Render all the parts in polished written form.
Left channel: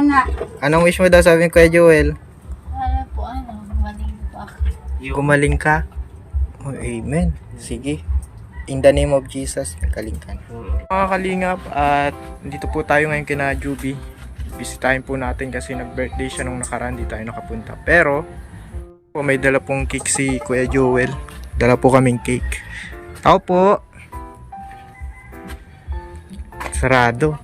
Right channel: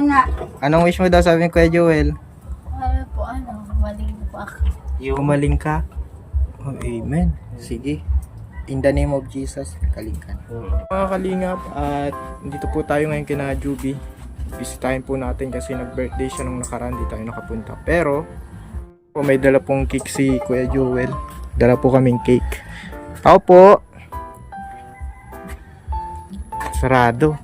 muna. Anong wish mo daw, sabi ni Kuya Joel? Ano po, maling po ako. Gumaling ka? Oh, amen. Sige. In the name of Jesus, magaling ka na. Mga kalingap, at dito po tayo ngayon kina Juby. Bisitahin po natin kasi nag-birthday siya nung nakaraan, di tayo nakapunta. Pero, po, may dala pong cake si Kuya Joel. Dala po kaming cake. Tao po. Sarado.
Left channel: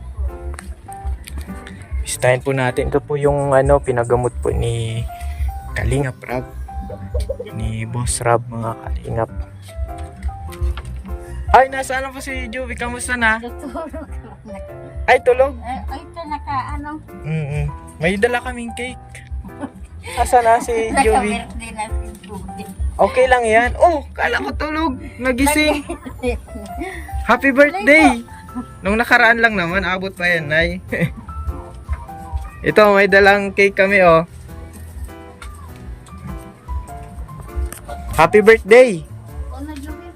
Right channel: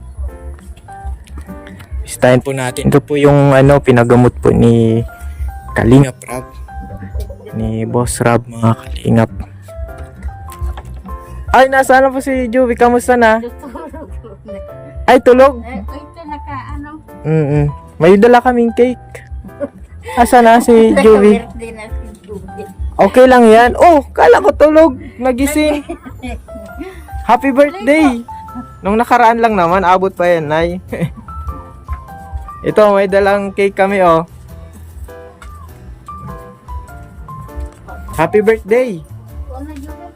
Bisitahin po natin. Ito po yung pinagamot po ni Kalingap Rab. Ni Boss Rab, mga Kalingap. Ay, nasaan na po si Juby? Kamusta na? Tutulog. Ay, tulog? Ay, ito May dala kaming cake. Asa na si Juby? Naka-birthday na si Juby. Okay lang yan. Oh, kala ko tulog. Nagising. Happy birthday! Nung nakaraan lang naman, abot pa yan, Nay. Ito, may dalang cake kami, oh. Happy birthday! Ano, Juby?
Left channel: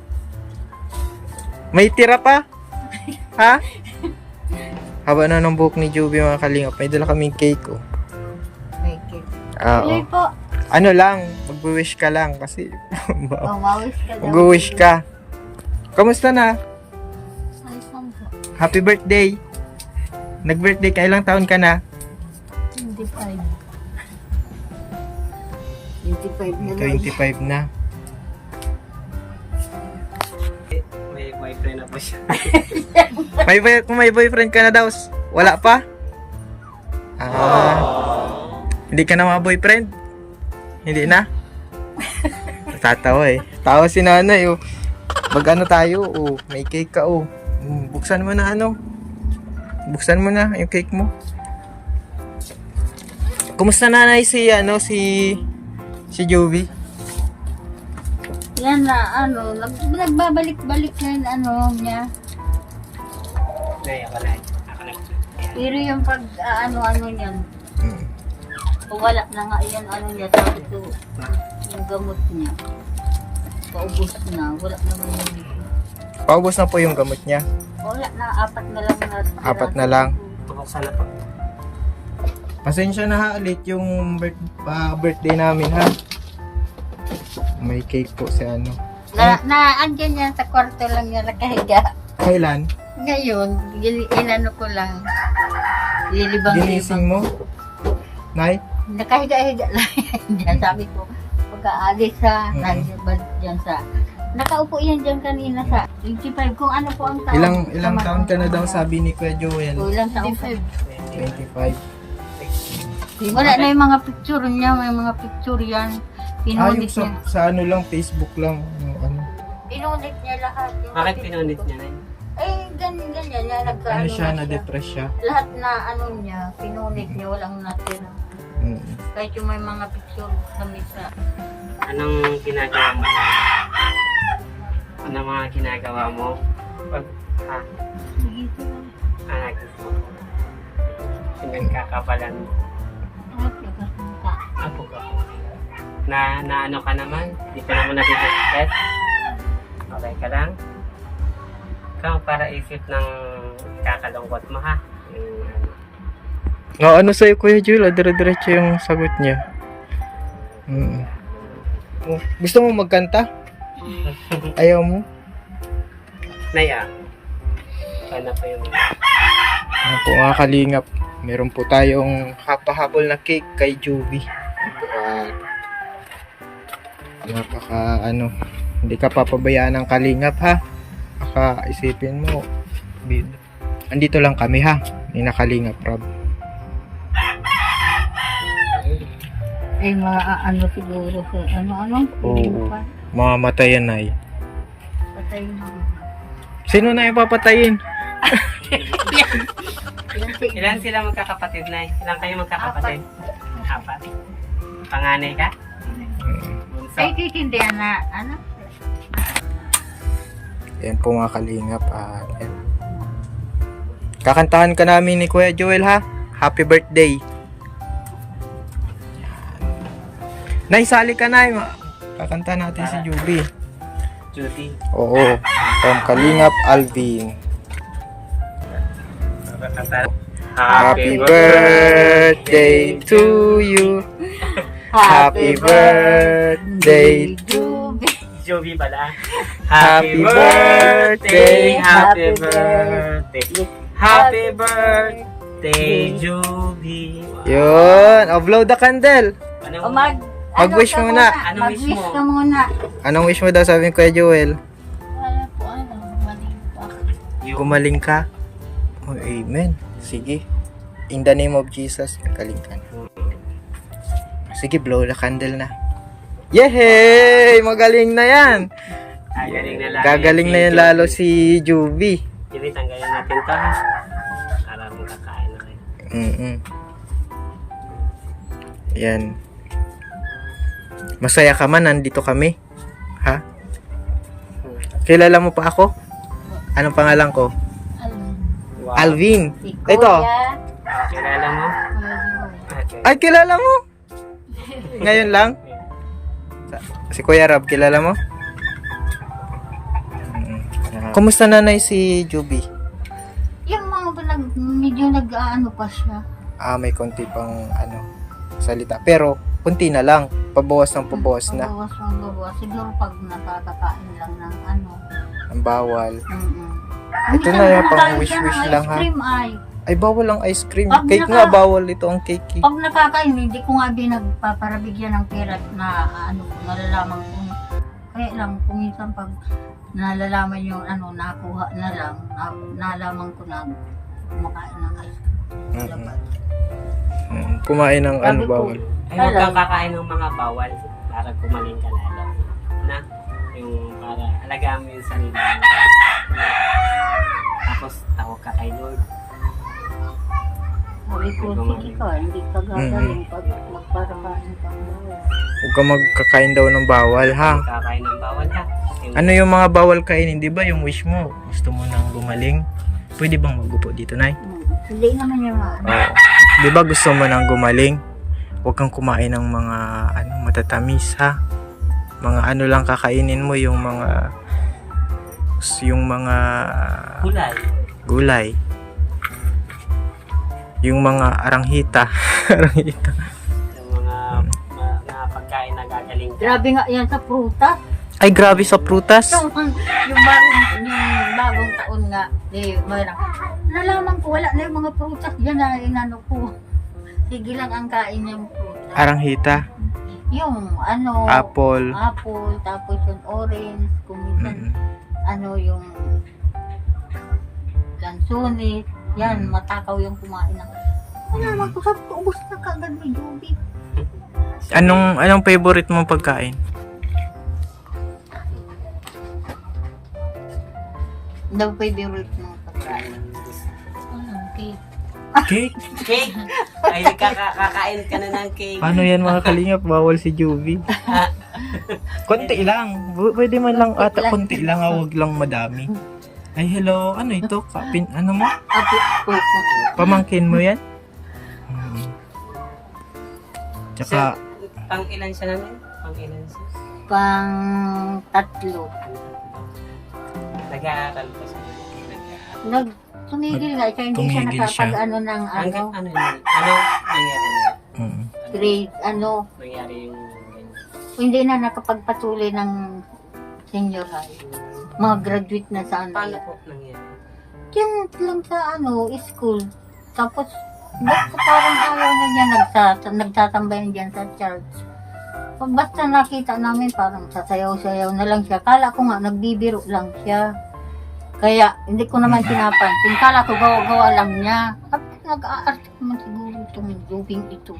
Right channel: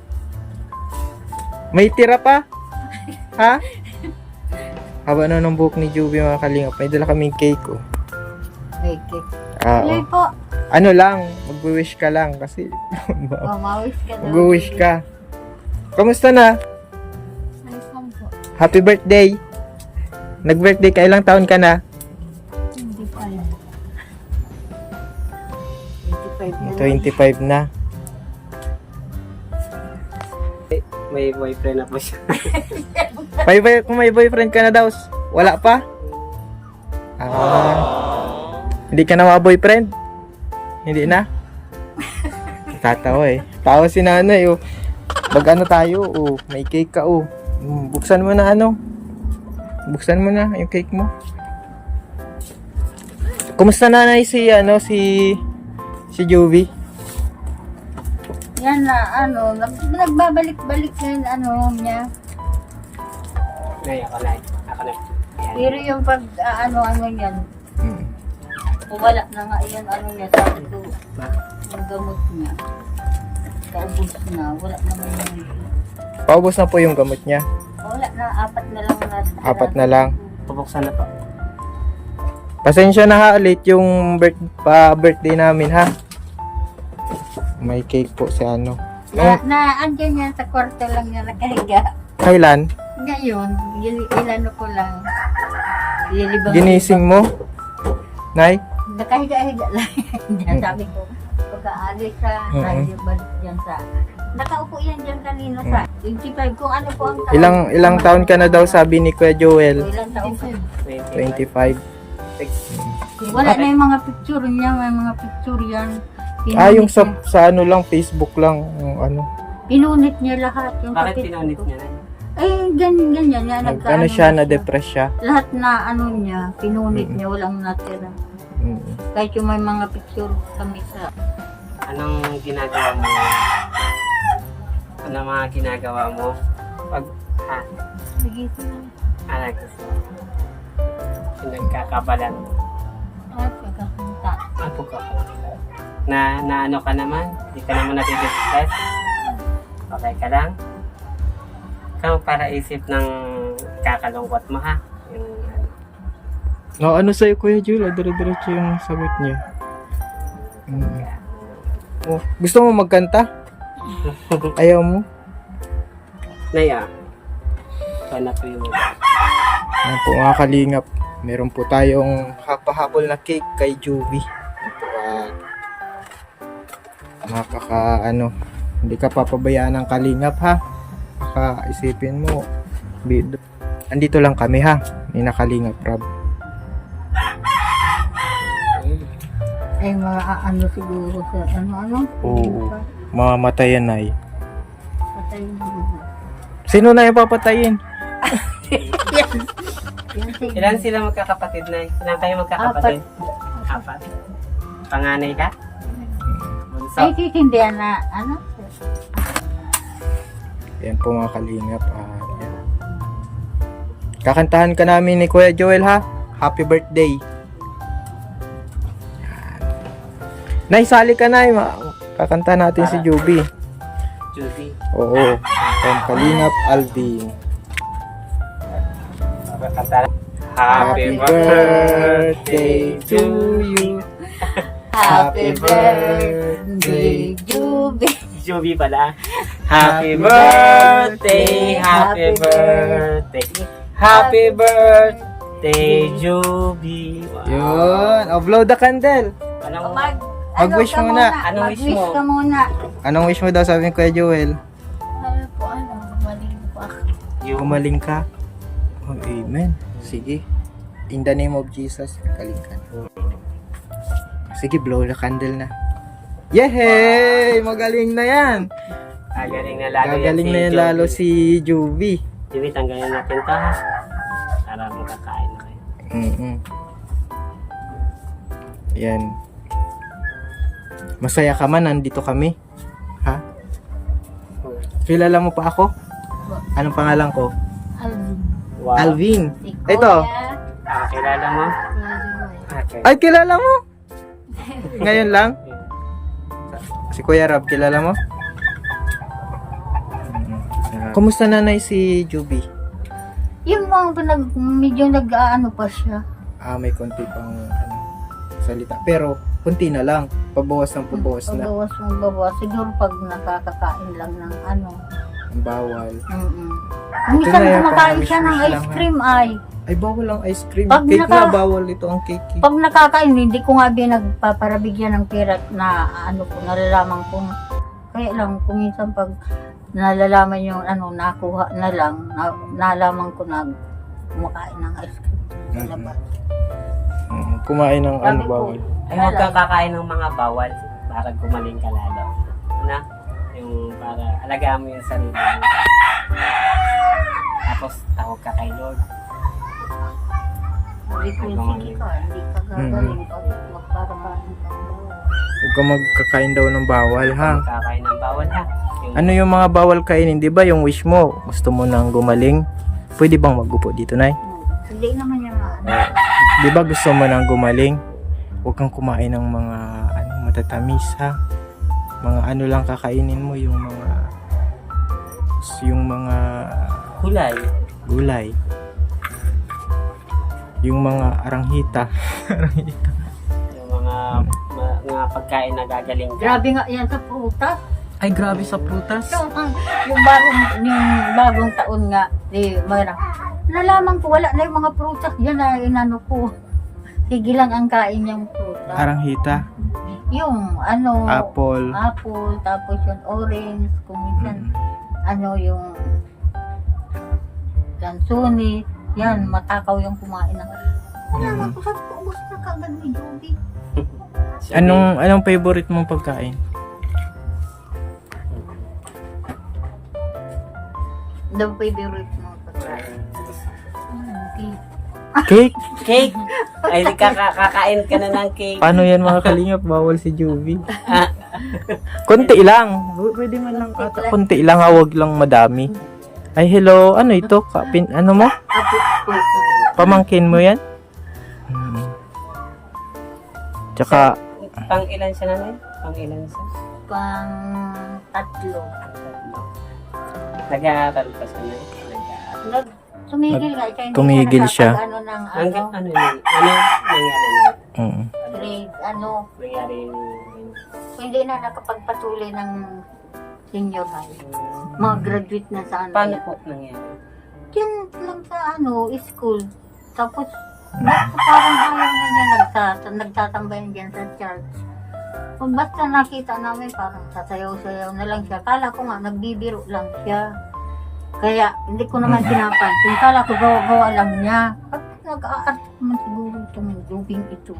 May tira pa? Ha? Haba na ng buhok ni Juby, mga kalingap. May dala kaming cake, oh. May cake. Oo. Tuloy po. Ano lang, mag-wish ka lang kasi Mawis ka daw. mag-wish ka. Kamusta na? Ayun po. Happy birthday! Nag-birthday ka, ilang taon ka na? 25. 25 na. 25 na. May boyfriend na po siya. Kung may boyfriend ka na daw, wala pa? Hindi ka na mga-boyfriend? Hindi na? Natatawa eh. Tawa si nanay oh. Mag-ano tayo oh. May cake ka oh. Buksan mo na Buksan mo na yung cake mo. Kumusta nanay si Jovi? Yan na, nagbabalik-balik yun, niya. Nay, ako lang. Pero yung pag, yan, wala na nga yan, niya, sabi ko, yung gamot niya. Paubos na, wala naman yun. Paubos na po yung gamot niya. Wala na, 4 na lang na. 4 na lang. Pabuksan na po. Pasensya na ha ulit yung birthday namin ha. May cake po si Andyan yan sa kwarto lang niya nakahiga. Kailan? Ngayon, inano ko lang. Lilibang. Ginising mo? Nay? Nakahiga-higa lang yan. Sabi ko, pagka-alis nandibad dyan sa... Nakaupo yan dyan kanina sa 25. Kung ano po ang taon. Ilang taon ka na daw sabi ni Kuya Joel? Ilang taon? 25. Wala na yung mga picture niya. May mga picture yan. Yung Pinunit niya. sa lang, Facebook lang. Pinunit niya lahat. Yung Bakit kapit pinunit ko. niya na yun? Ay, ganyan. Yan, Ano siya, na-depress siya. Lahat na niya, pinunit niya. Walang natira. Kahit yung may mga picture kami sa... Anong ginagawa mo? Ano mga ginagawa mo? Pag, Nagito lang. gusto. Pinagkakabalan mo. At nagkakunta. Apo ka. Na ano ka naman? Hindi ka naman nag-stress? Okay ka lang? Ikaw para isip ng kakalungkot mo ha? Ano sa'yo Kuya Joel? Dire-diretso yung sagot niya. Oh, gusto mo magkanta? Ayaw mo? Naya. Ano pa yung... Ano po mga kalingap, meron po tayong hapahabol na cake kay Juby. Hindi ka papabayaan ng kalingap ha. Isipin mo, andito lang kami ha, ni nakalingap Rob. Ay, mga siguro sa Oo. Mamatayan na eh. Patayin mo. Sino na yung papatayin? Ilan sila magkakapatid na? Ilan kayo magkakapatid? 4. Panganay ka? Ay, kikindihan na, Yan po mga kalingap. Yan. Kakantahan ka namin ni Kuya Joel ha. Happy birthday. Nay, sali ka na. Kakanta natin si Juby. Judy. Oo. From Kalingap Alvin. Kanta. Happy birthday birthday to you. Happy birthday. Juby. Joby pala. Happy birthday, happy birthday. Happy birthday, Joby. Yun, oh, blow the candle. Ano? Mag-wish ka muna. Anong wish Mag-wish mo? ka muna. Anong wish mo daw, sabi ni Kuya Joel? Ano po, mali pa. Gumaling ka. Oh, amen. Sige. In the name of Jesus, magaling ka na. Sige, blow the candle na. Yehey! Magaling na yan. Gagaling na lalo. Gagaling na yan lalo si Juby. Joby, tanggalin natin to. Para makakain na kayo. Yan. Masaya ka man, nandito kami. Ha? Kilala mo pa ako? Anong pangalan ko? Alvin. Wow. Alvin. Si Ito. Kuya. Kilala mo? Okay. Ay, kilala mo? Ngayon lang? Si Kuya Rab, kilala mo? Kumusta nanay si Juby? Yung mga medyo nag-ano pa siya. May konti pang salita. Pero, kunti na lang. Pabawas ng pabawas na. Pabawas. Siguro pag nakakakain lang ng Ang bawal. Ito Minsan na yan, pang kumakain wish-wish siya ng lang, ice ha? cream ay. Ay, bawal ang ice cream. Pag Cake naka- nga, bawal ito ang cake. Pag nakakain, hindi ko nga nagpaparabigyan ng pera na nalalaman kong kaya lang, kung minsan pag nalalaman yung nakuha na lang, nalaman ko na kumakain ng ice cream. Kumain ng Sabi ko, bawal. Ay, huwag kang kakain ng mga bawal para gumaling ka lalo. Na? Yung para alagaan mo yung sarili mo. Tapos, tawag ka kay Lord. Hindi ko sige ka, hindi ka gagawin pag nagparakain ka. Huwag ka magkakain daw ng bawal, ha? Kakain ng bawal ha. Ano yung mga bawal kainin, di ba? Yung wish mo, gusto mo nang gumaling. Pwede bang magupo dito, Nay? Hindi naman yung Oo. Di ba gusto mo nang gumaling? Huwag kang kumain ng mga matatamis, ha? Mga lang kakainin mo, yung mga Gulay. gulay. Yung mga aranghita. Aranghita. Yung mga pagkain na gagaling ka. Grabe nga yan sa prutas. Ay, grabe sa prutas. Yung bagong taon nga, mayroon. Nalaman ko, wala na yung mga prutas dyan na inano ko. Sige lang ang kain yung prutas. Aranghita. Yung Apple. tapos yung orange, kung minsan, yung lansones, yan, matakaw yung kumain ng. Nalaman ko, sabi ko, ubos na kaagad ni Joby. Anong favorite mong pagkain? The favorite mo pagkain. Okay. Cake? Cake! Ay, kakain ka na ng cake. Paano yan mga kalingap? Bawal si Juvie. Konti lang. Pwede man lang ata. Konti lang, wag lang madami. Ay, hello. Ano ito? Ano mo? Apo. Pamangkin mo yan? Tsaka, Pang ilan siya naman? Pang ilan siya? Pang tatlo. Nag-aaral pa siya na. Tumigil nga siya. Hindi Tumigil siya. ng Hanggang ano yun? Ano nangyari na? grade, Nangyari yung... hindi na nakapagpatuloy ng senior high. Mag-graduate na sa Paano po nangyari? Yan lang sa school. Tapos, basta parang ayaw na niya nagtatambay na dyan sa church. Basta nakita namin parang sasayaw-sayaw na lang siya. Kala ko nga, nagbibiro lang siya. Kaya, hindi ko naman pinapansin. Kala ko gawa-gawa lang niya. At nag-aarte naman siguro itong doping ito.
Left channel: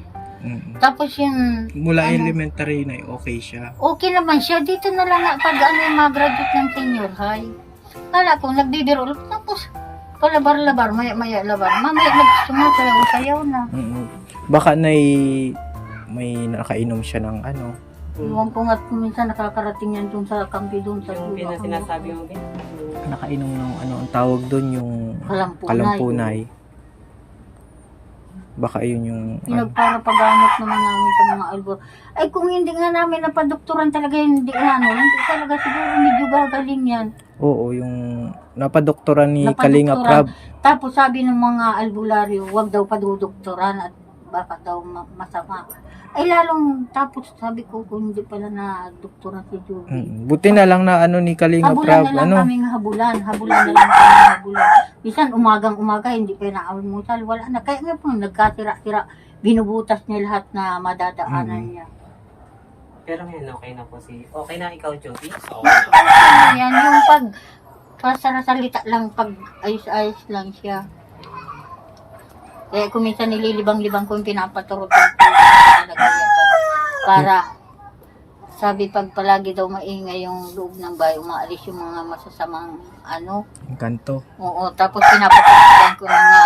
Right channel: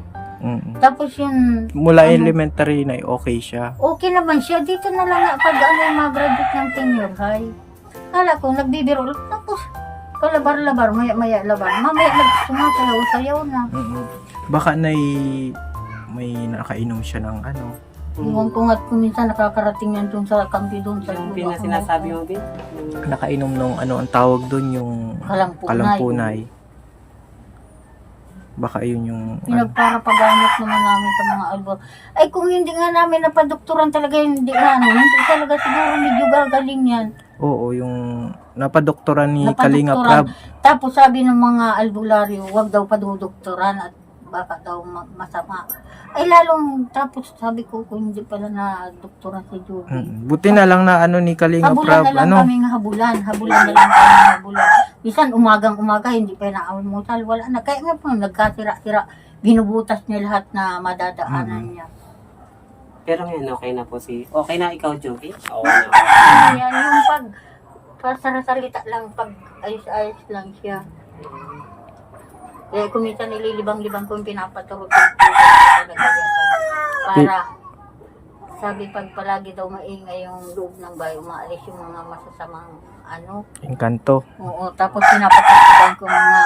Tapos yun, mula elementary na okay siya. okay naman siya. Dito na lang nga pag mag-graduate ng senior high. Kala ko, nagbibiro lang. Tapos, palabar-labar, maya-maya labar. Mamaya nagsumasayaw-sayaw na. Baka may nakainom siya ng Iwan ko nga kung minsan nakakarating yan dun sa kampi dun sa Yung lugar. sinasabi mo, Bin? nakainom nung ang tawag doon, yung kalampunay. Baka yun yung Pinagparapagamot naman namin sa mga albo. Ay kung hindi nga namin napadoktoran talaga, hindi talaga siguro medyo gagaling yan. oo, yung napadoktoran ni Kalinga Prab. Tapos sabi ng mga albularyo, wag daw padudoktoran at baka daw masama. Ay lalong, tapos sabi ko kung hindi pala na doktora si Juby. Buti na lang na ano ni Kalinga Habulan Prab, na lang ano? kaming habulan na lang kaming habulan. Bisan umagang-umaga, hindi pa na-almusal, wala na. Kaya nga po, nagkasira-sira, binubutas niya lahat na madadaanan niya. Pero ngayon, okay na po okay na ikaw, Joby? Okay na. Yan yung salita lang, pag ayos-ayos lang siya. Kaya kung minsan nililibang-libang ko yung pinapaturo talaga yan. Para, sabi pag palagi daw maingay yung loob ng bahay, umaalis yung mga masasamang Engkanto. Oo, tapos pinapatugtugan ko mga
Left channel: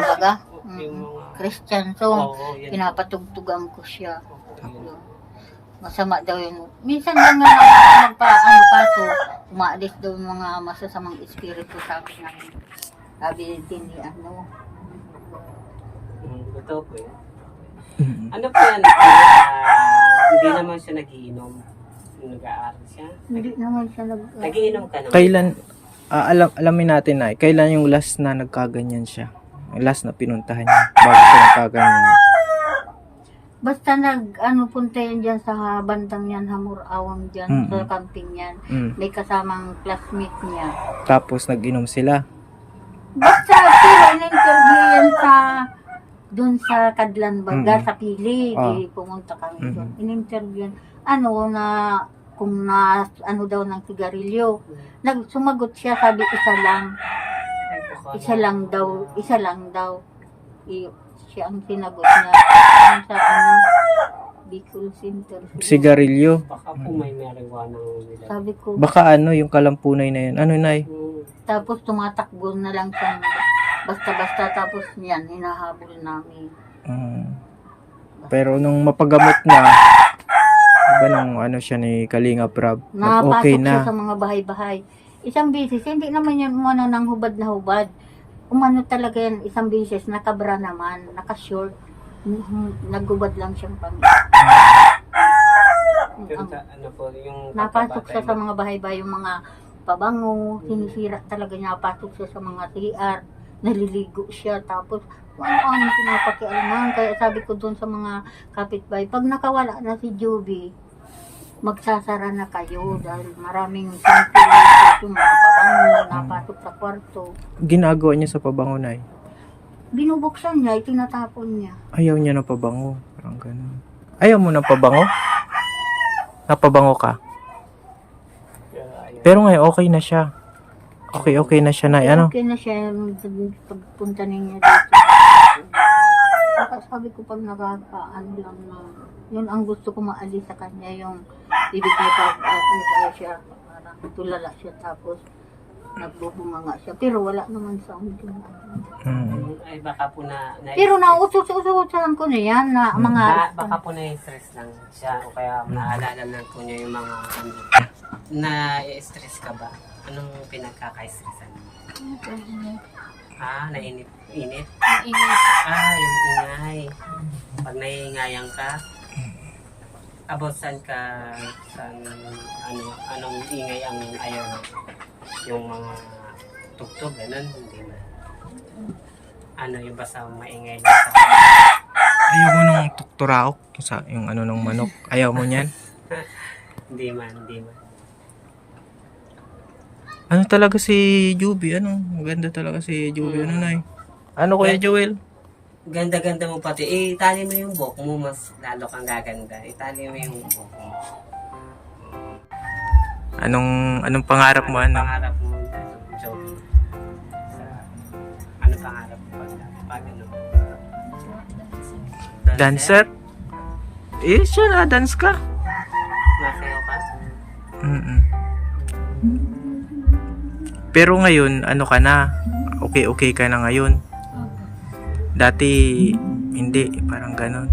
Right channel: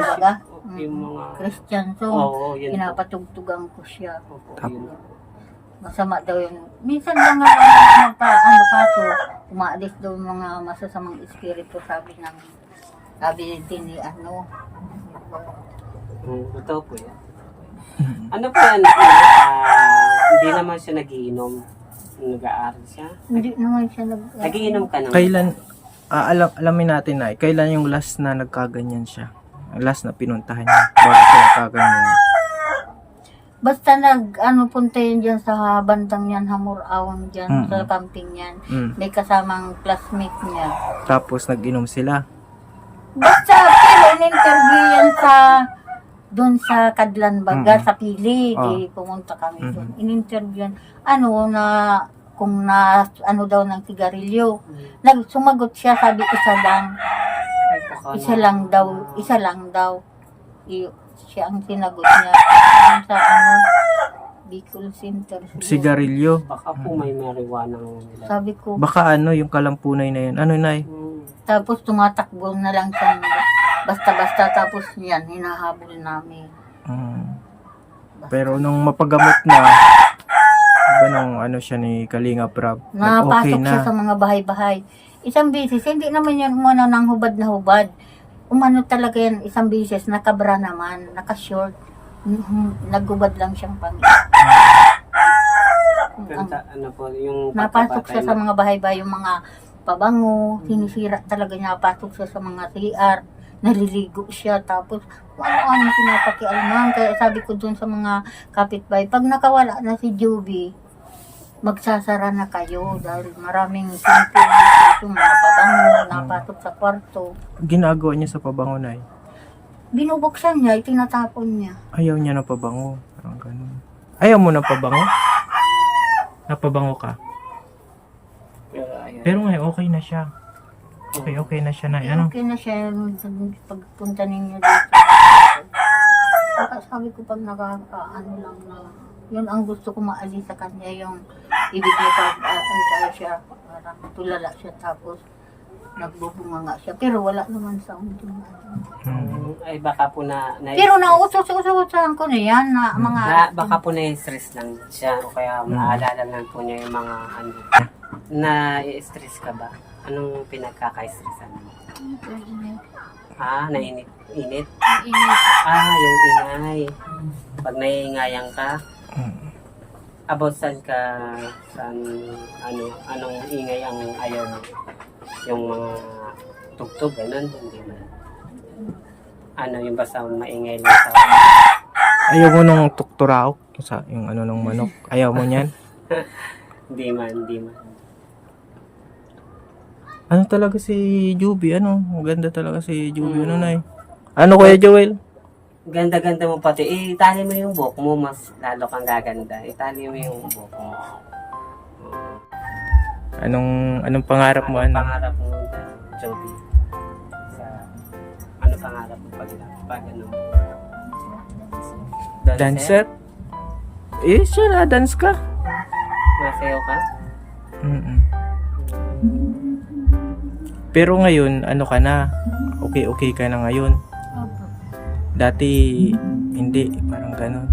baga? Yung mga... Christian song. Oo, yun. Pinapatugtugan ko siya. Tapos, Masama daw yun. Minsan lang nga kaso, umaalis daw yung mga masasamang espiritu, sabi din ni Totoo po yan. Ano po yan? Hindi naman siya nagiinom. Nag-aaral siya. Hindi naman siya Nagiinom ka naman. kailan, alamin natin na, kailan yung last na nagkaganyan siya? Last na pinuntahan niya, bago siya nagkaganyan. Basta punta yun dyan sa bandang yan, Hamur-Awang dyan, sa camping yan. May kasamang classmate niya. Tapos nag-inom sila. Basta, pero in-interview yan doon sa Kadlan Baga, sa Pili. Di pumunta kami doon. In-interview yan. Kung daw ng sigarilyo. Sumagot siya, sabi isa lang daw. Siya ang sinagot niya. Sa Bicol Center. Sigarilyo. Baka po may marijuana nila. Sabi ko, Baka yung kalampunay na yun. Ano, Nay? tapos tumatakbo na lang siya. Basta-basta, tapos yan, hinahabol namin. Pero nung mapagamot na, iba nung siya ni Kalinga Prab, Napasok okay siya na. sa mga bahay-bahay. Isang beses, hindi naman yan umano ng hubad na hubad. Umano talaga yan, isang beses, nakabra naman, nakashort. Naghubad lang siyang pangit. Ano po, yung Napasok siya sa mga bahay-bahay, yung mga pabango, sinisira talaga niya, napasok siya sa mga CR, naliligo siya, tapos ano pinapakialaman. Kaya sabi ko doon sa mga kapitbahay, pag nakawala na si Joby, magsasara na kayo dahil maraming sinisira ito, mga pabango, napasok sa kwarto. Ginagawa niya sa pabango, Nay? Binubuksan niya, itinatapon niya. Ayaw niya ng pabango. Parang ganun. Ayaw mo ng pabango? Napabango ka? Pero ngayon, okay na siya. Okay na siya, Nay. Ano? Okay na siya pagpunta ninyo dito. Saka sabi ko pag lang na, yun ang gusto ko maalis sa kanya, yung ibigay pag siya, parang tulala siya, tapos nagbubunga nga siya. Pero wala naman sa akin. Ay baka po Pero nauutos-utosan ko na yan na mga... baka po na-stress lang siya o kaya maalala lang po niya yung mga na-stress ka ba? Anong pinagkaka-stressan mo? Nainit? Init? Yung ingay. Pag naiingayan ka, about saan anong ingay ang ayaw mo? Yung mga tugtog, ganun, hindi mo. Yung basta maingay lang sa... Ayaw mo nung tukturaok, yung ng manok. Ayaw mo niyan? Hindi man. Ano talaga si Juby? Maganda talaga si Juby. Nay? Ano Kuya Joel? Ganda-ganda mo pati. Itali mo yung buhok mo, mas lalo kang gaganda. Itali mo yung buhok mo. Anong pangarap mo? Pangarap mo, Joby? Ano pangarap mo pag Dancer? Sure na, dance ka. Masayaw ka? Pero ngayon, ka na? Okay ka na ngayon? Dati, hindi. Parang ganon.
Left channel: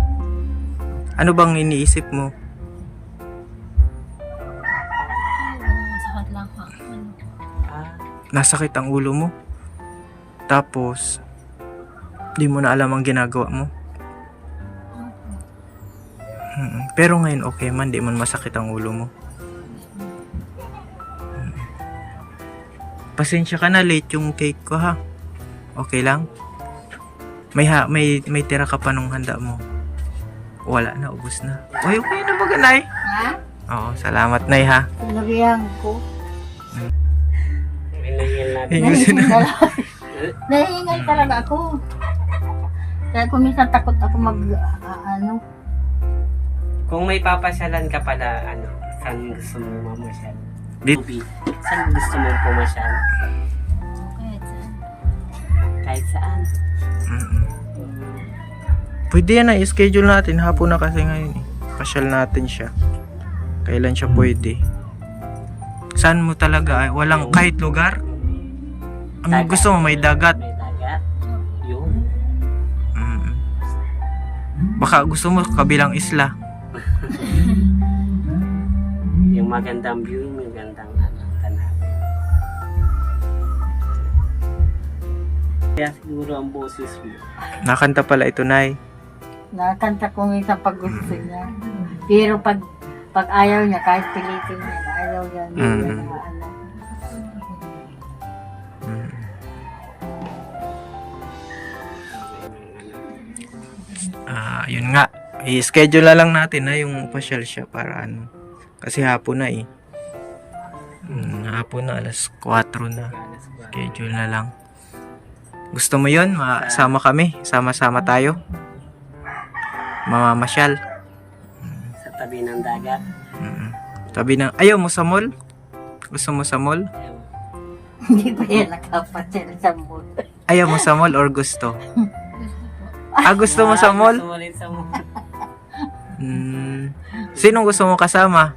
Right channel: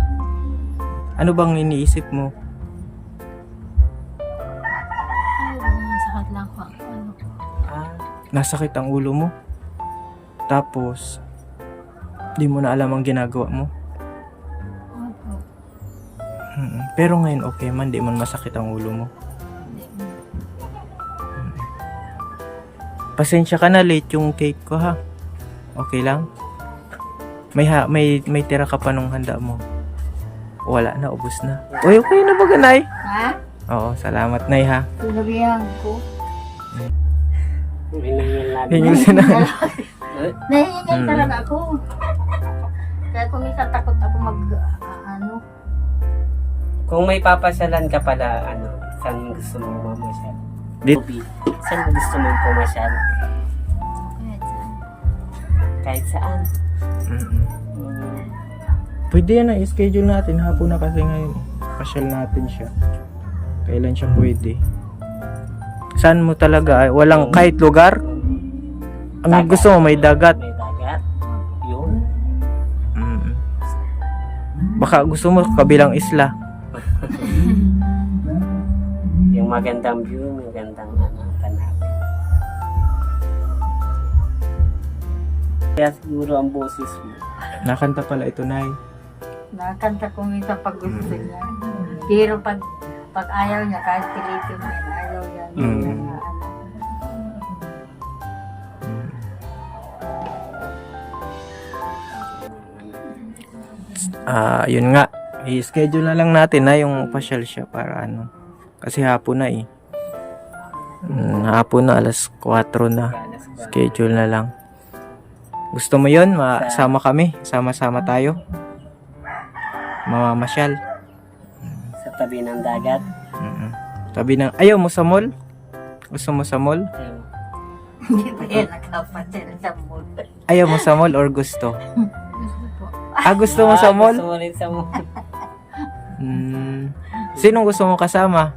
Ano bang iniisip mo? Sakit lang ko. Nasakit ang ulo mo? Tapos, di mo na alam ang ginagawa mo? Pero ngayon, okay man. Di man masakit ang ulo mo. Pasensya ka na, late yung cake ko, ha? Okay lang? May tira ka pa nung handa mo. Wala na, ubos na. Uy, okay na ba, Nay? Ha? Oo, salamat, Nay, ha? Sinabihan ko. Hinangil na. Hingi na. Nahihingal talaga ako. Kaya kung minsan takot ako ano. Kung may papasyalan ka pala, saan gusto mo mamasyal? Dit- Ruby, saan gusto mong pumasyal? Kahit saan. Mm-mm. Pwede yan na, i-schedule natin. Hapon na kasi ngayon. Pasyal natin siya. Kailan siya pwede? Saan mo talaga? Walang kahit lugar? Ang Dagat. gusto mo, may dagat. May dagat. Yun. Mm. Baka gusto mo kabilang isla. Yung magandang view, yung magandang tanawin. Kaya siguro ang boses mo. Nakanta pala ito, Nay. Nakakanta ko minsan pag gusto niya. Pero pag ayaw niya, kahit pilitin niya, ayaw niya. Mm. Mm. Yun nga. I-schedule na lang natin na yung pasyal siya para ano. Kasi hapon na eh. Hapon na, alas 4 na. Schedule na lang. Gusto mo yun? Sama kami. Sama-sama tayo. Mamamasyal. Sa tabi ng dagat. Sabi ng, ayaw mo sa mall? Gusto mo sa mall? Ayaw. Hindi pa yan nakapasyal sa mundo. Ayaw mo sa mall or gusto? Gusto po. Gusto mo sa mall? Gusto mo rin sa mall. Sino gusto mo kasama?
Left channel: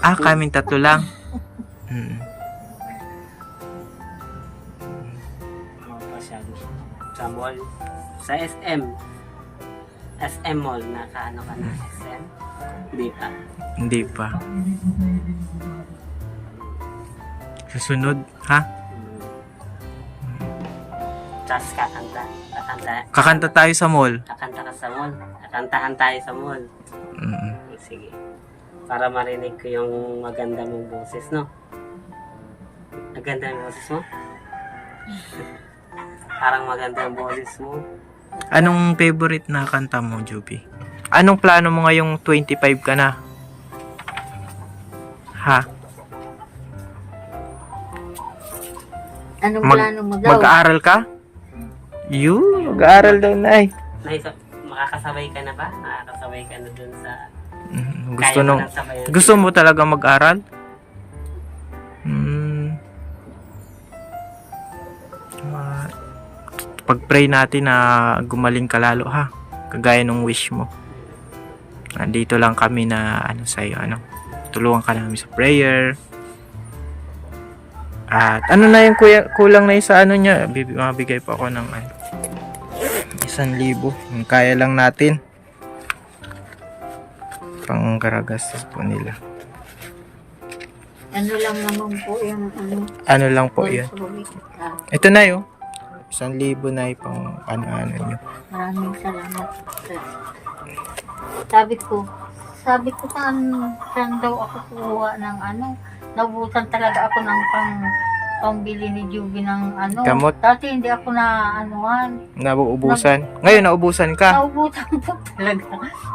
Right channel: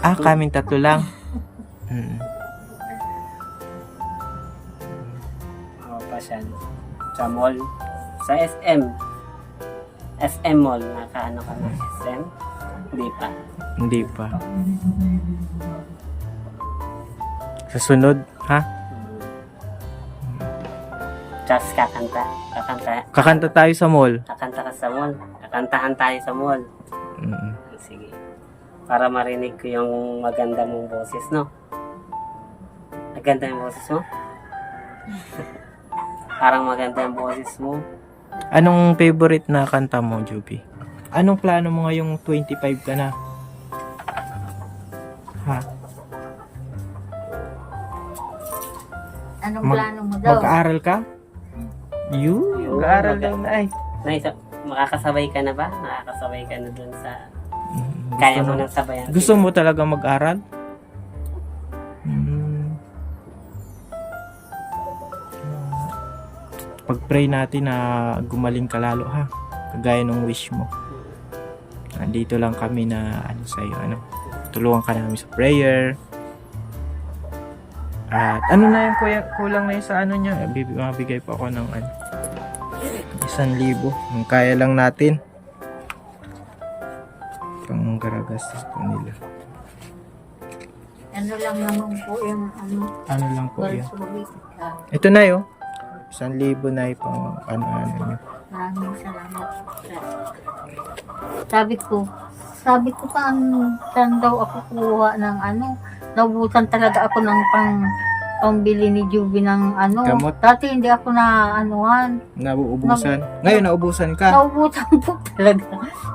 Kaming tatlo lang. Pasyal. Sa mall. Sa SM. SM mall. Nakaano ka ng SM? Hindi pa. Hindi pa. Sa sunod, ha? Just kakanta. Kakanta tayo sa mall. Kakanta ka sa mall. Kakantahan tayo sa mall. Sige. Para marinig ko yung maganda mong boses, no? Maganda yung boses mo? Parang maganda yung boses mo. Anong favorite na kanta mo, Juby? Anong plano mo ngayong 25 ka na? Ha? Anong plano mo daw? Mag-aaral ka? Mag-aaral daw, Nay. Makakasabay ka na ba? Nakakasabay ka na dun sa... Gusto mo talaga mag-aral? Pag-pray natin na gumaling ka lalo, ha? Kagaya nung wish mo. Nandito lang kami na sa'yo, tulungan ka namin sa prayer. At ano na yung kulang na sa niya, mabigay pa ako ng 1,000. Kaya lang natin. Pang garagastos po nila. Ano lang naman po yung Ano lang po yun. Ah, Ito na yun. 1,000 na pang ano nyo. maraming salamat. Sabi ko saan daw ako kuha ng naubusan talaga ako ng pangbili ni Juby ng Gamot? Dati hindi ako na Nauubusan. Ngayon nauubusan ka. naubusan po talaga.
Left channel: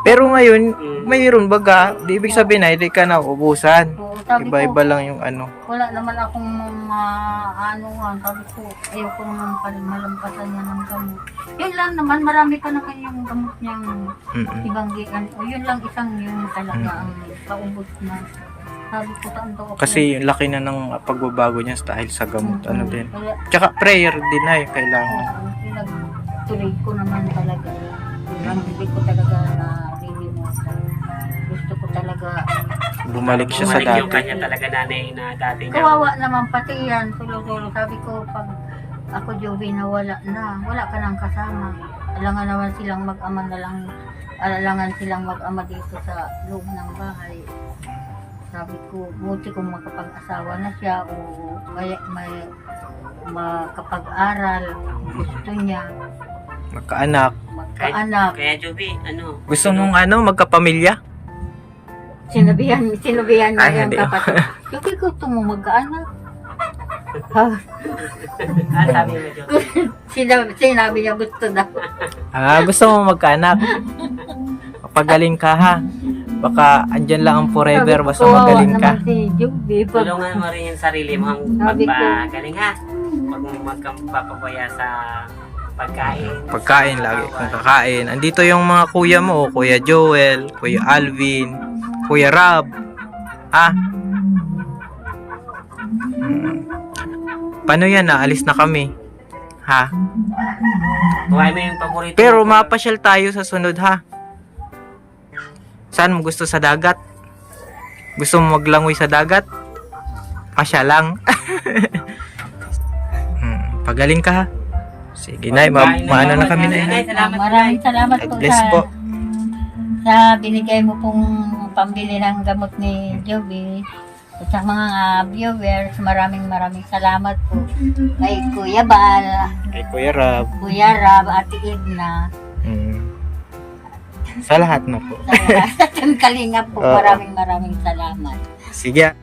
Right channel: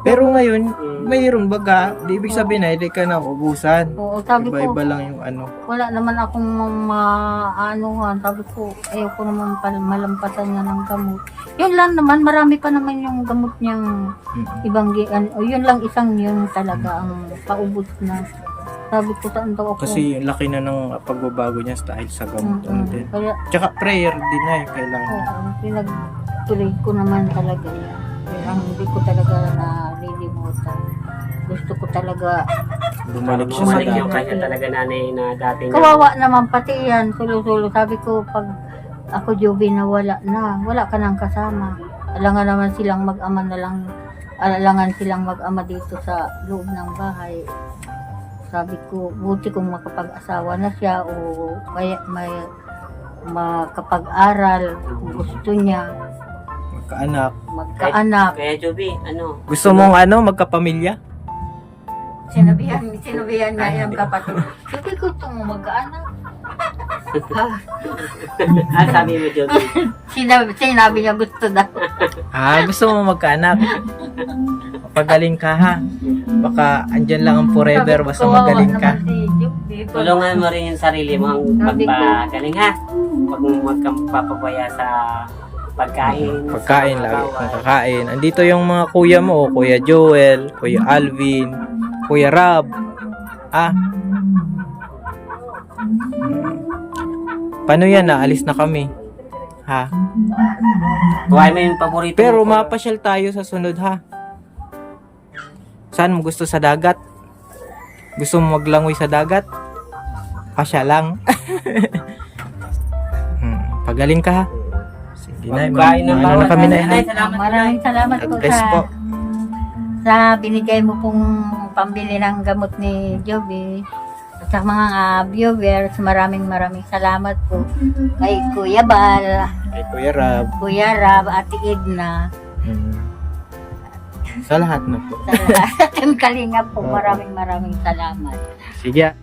Pero ngayon, mayroon baga. Di ibig sabihin na hindi ka nauubusan. Oo, sabi ko, Iba-iba lang yung wala naman akong sabi ko, ayoko naman malampasan niya ng gamot. Yun lang naman, marami pa naman yung gamot niyang ibang, yun lang isang yun talaga ang paubos na. Sabi ko, saan daw ako? Kasi yung laki na ng pagbabago niya dahil sa gamot. Din. Kaya, Tsaka prayer din na kailangan. pinagtuloy ko naman talaga. Hindi ko talaga nalilimutan. Gusto ko talaga. Bumalik siya sa yung dati. kanya talaga nanay na dati niya. Kawawa naman pati yan. Tulo-tulo. Sabi ko, pag ako Joby na wala ka nang kasama. Alangan naman silang mag-ama na lang. Alangan silang mag-ama dito sa loob ng bahay. Sabi ko, buti kung makapag-asawa na siya o kaya may makapag-aral kung gusto niya. Magkaanak. Kaya Joby, Gusto mong magkapamilya? Sinabihan niya Ay, yung hindi. kapatid. Sabi gusto mo mag-anak. Ano sabi mo, Joby? Sinabi niya gusto daw. Gusto mo magkaanak? Pagaling ka ha. Baka andyan lang ang forever basta magaling ka. Si Juby, Tulungan mo rin yung sarili mo magpagaling ha. Huwag kang papabaya sa pagkain. Pagkain lagi kung kakain. Andito yung mga kuya mo, Kuya Joel, Kuya Alvin, Kuya Rob. Paano yan? Naalis na kami. Ha? Buhay mo yung paborito. Pero mapasyal tayo sa sunod ha. Saan mo gusto sa dagat? Gusto mo maglangoy sa dagat? Pasya lang. Pagaling ka ha. Sige na, maano na kami na ha. Maraming salamat God po bless po. sa binigay mo pong pambili ng gamot ni Joby. At sa mga viewers, maraming salamat po. Kay Kuya Bal, Kay Kuya Rob. Kuya Rab, Ate Edna. Sa lahat na po. Sa lahat ng kalinga po, Oo. maraming salamat. Sige.